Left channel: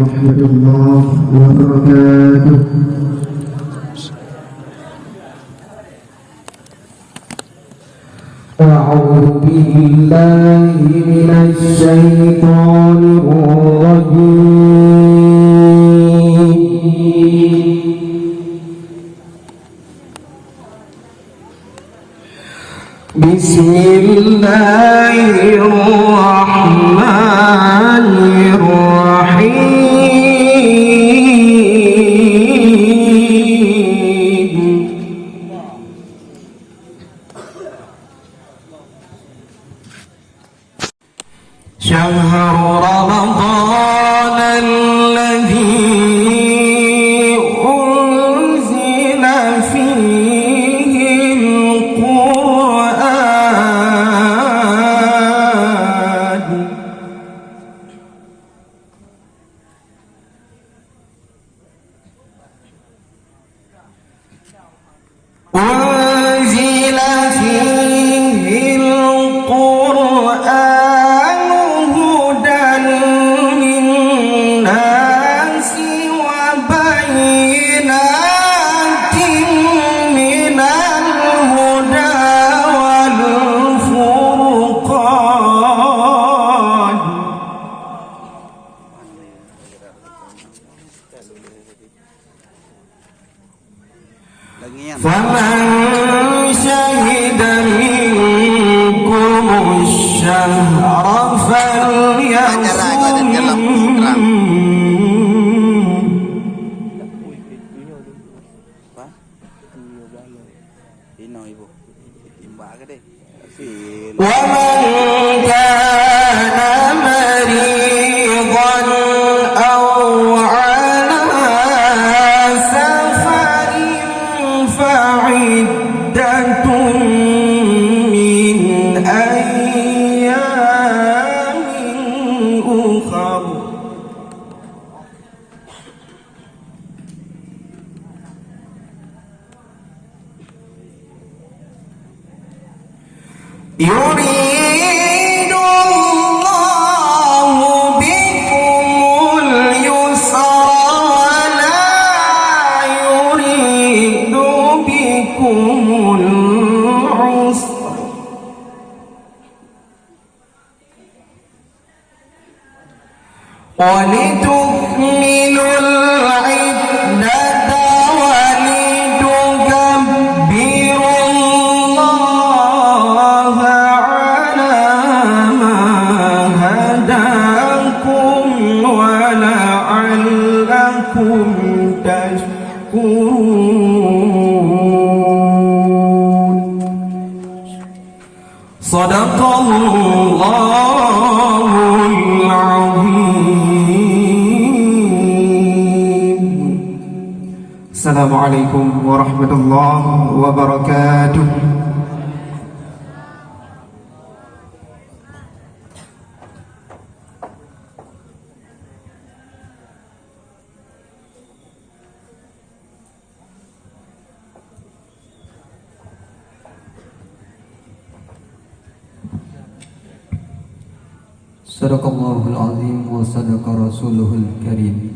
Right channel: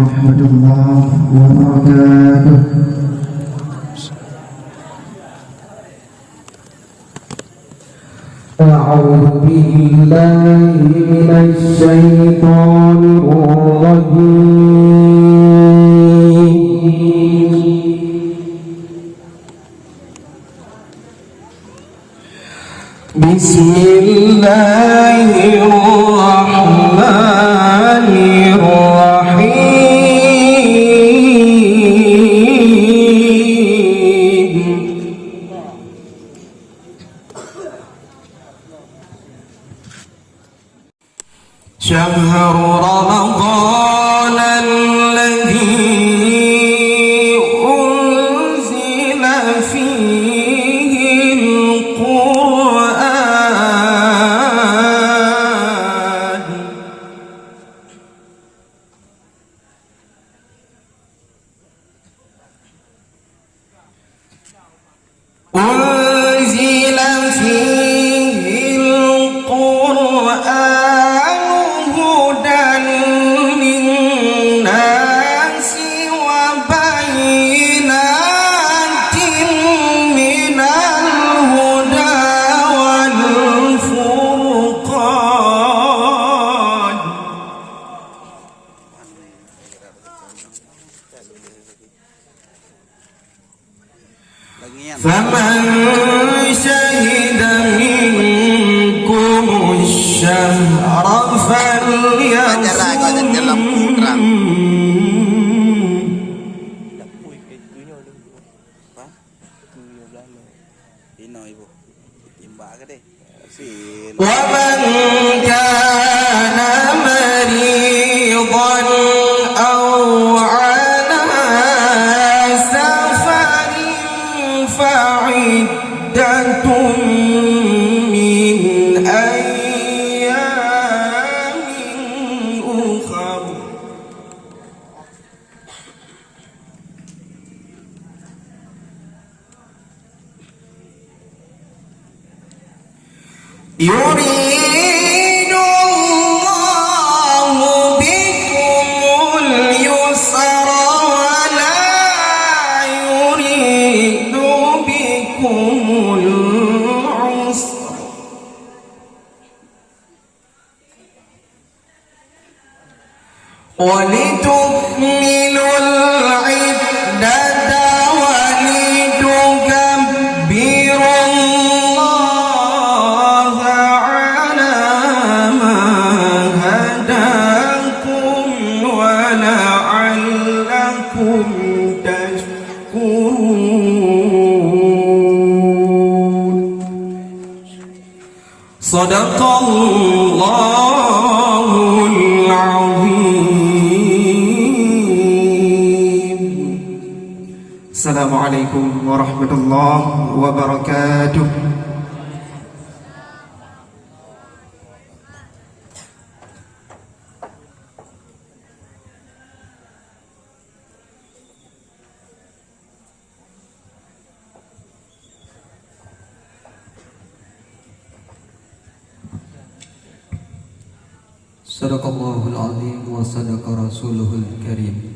warahmatullahi wabarakatuh. أعوذ بالله من الشيطان الرجيم. بسم الله الرحمن الرحيم. شهر رمضان الذي أنزل فيه القرآن فمن شهد منكم الشهر فليصم. ومن كان مريضا أو على سفر فعدة من أيام أخر. يريد الله بكم اليسر ولا يريد بكم العسر ولتكملوا العدة ولتكبروا الله على ما هداكم ولعلكم تشكرون. صدق الله العظيم. السلام عليكم ورحمة الله وبركاته. Sadaqallahul azim wa sadaqa rasulul karim.